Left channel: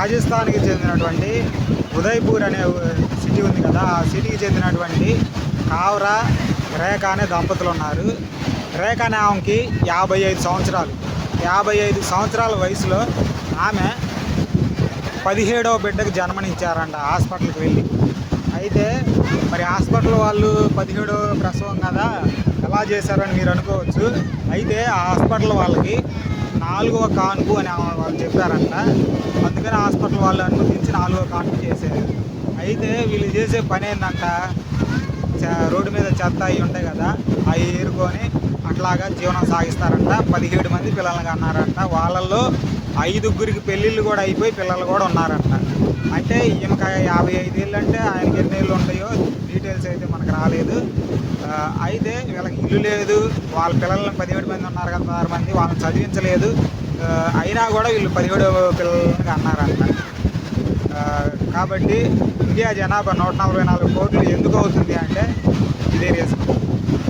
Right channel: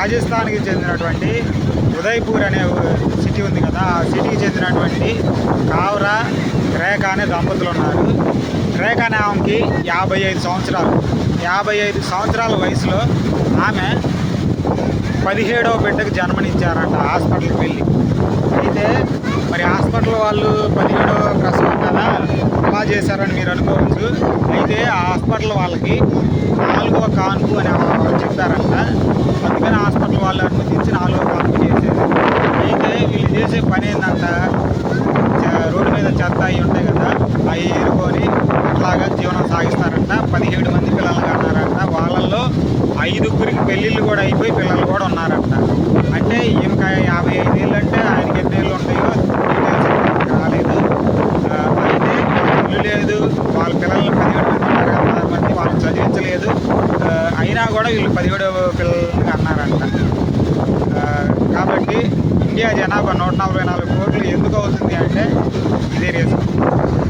రాజస్థాన్కి చెందినటువంటి ఉదయ్పూర్ అనే సిటీ ఉంది కదా, ఆ సిటీకి చెందినటువంటి కావ్రా రేఖ అనే దంపతులు ఉన్నారు. రేఖ అనే ఆమెకి 55 సంవత్సరాలు. 55 సంవత్సరాల వయసులో ఆమె 17వ బిడ్డకు జన్మనిచ్చారంట హాస్పిటల్కి వెళ్ళి. అయితే మరి హాస్పిటల్ వాళ్ళు 17వ ప్రసవం కదా అలా చేశారని మీరు అనుకోవచ్చు. అయితే ఆ హాస్పిటల్ వాళ్ళకి 4వ కాన్పు అని వాళ్ళు చెప్పారంట. అందుకని హాస్పిటల్ వాళ్ళు అనుమతించి 4వ కాన్పు చేశారు. అయితే వీళ్ళు చేసే పని ఏంటంట, రోడ్డు మీద చెత్త అవి ఉంటాయి కదా, అవి ఏరుకొని అట్లాగా జీవనం సాగిస్తారంట. 17 మంది పిల్లల్ని కన్నారంట. వాళ్ళల్లో 5గురికి పెళ్ళిళ్ళు కూడా అయిపోయి పిల్లలు కూడా ఉన్నారంట. అంటే ఈమెకి 55 ఏళ్ళు అంటే ఆయనకి ఎన్ని ఏళ్ళు ఉంటాయో డీటెయిల్స్ అయితే మనకు రాలేదు. అయితే ఇల్లు లేదు, వాళ్ళ పిల్లల్ని 17 మంది ఉన్నారు కదా, 16 మంది, వాళ్ళని చదివించలేదు. అయినా కూడా వీళ్ళు 17 పిల్లల్ని అన్నారంట. కాబట్టి ఇండియా జనాభా 144 కోట్లు ఎందుకు అవుతుంది అంటే ఇదే రీజన్.